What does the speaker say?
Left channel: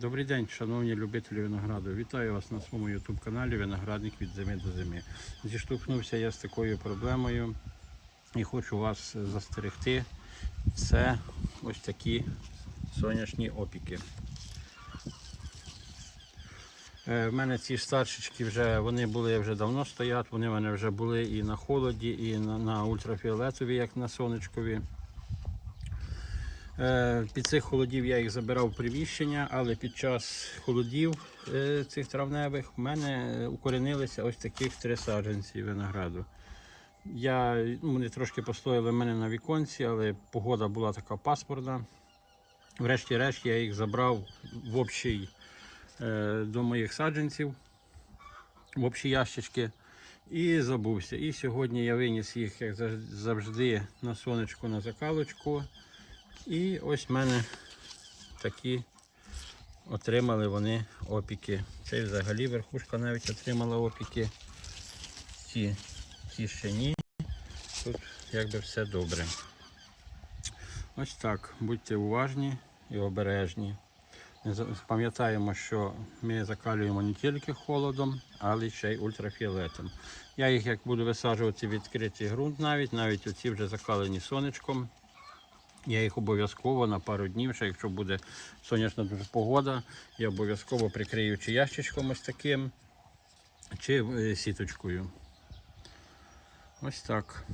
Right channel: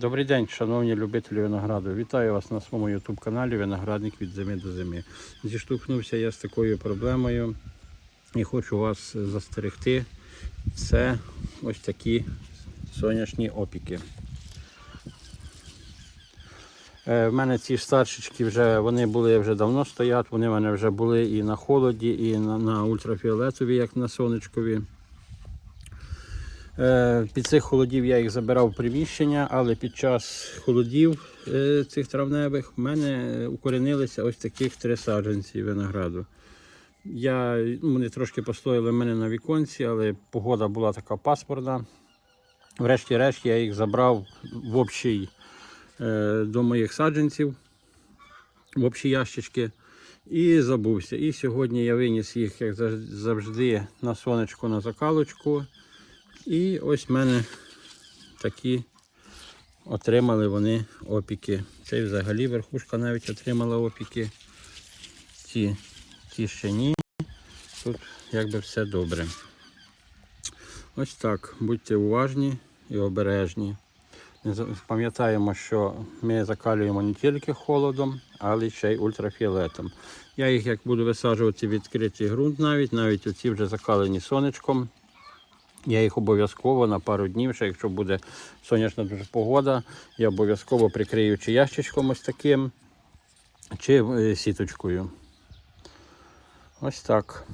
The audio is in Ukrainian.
Добрий день, шановні любителі винограду. Вітаю вас на своєму YouTube каналі Виноградник від зими до зими. Зіштовхнувся я з такою проблемою і хочу вас застерегти. Це ось такі сонячні опіки. Е, В мене ці старшечки вже вони були вже давно стоять, вони в мене вже були і на холоді, і на, на ультрафіолетові, як на сонечкові. Е, Під цих холодів я їх забирав в приміщення, але під час холодів е, цих травневих в мене укоренилися ось таких три саджанці винограду. Я, вони трошки постояли в мене на віконці, але погода була така пасмурна. Врешті-решт я їх забрав в общий, е, до моїх саджанців, в общі ящички і забувся. І сьогодні я виніс їх, як завжди, на сонечко на закалочку. І ось в мене такі отримали вони опіки. Це взагалі верхушка навіть отримала опіки. Ці, ці ще ні. Тут якби все добре. Ось так. Будьте уважні і обережні. Пам'ятаємо, що ми закалюємо не тільки холодом, але ще й ультрафіолетом. Я їх як буду висаджувати відкритий ґрунт навіть, навіть оці вже закалені сонечком. Я їх обов'язково на пару днів, ще якщо буде сонячна дуже погода, я обов'язково прикрию чи ящичком ось таким, чи е, сіточкою. Ось так.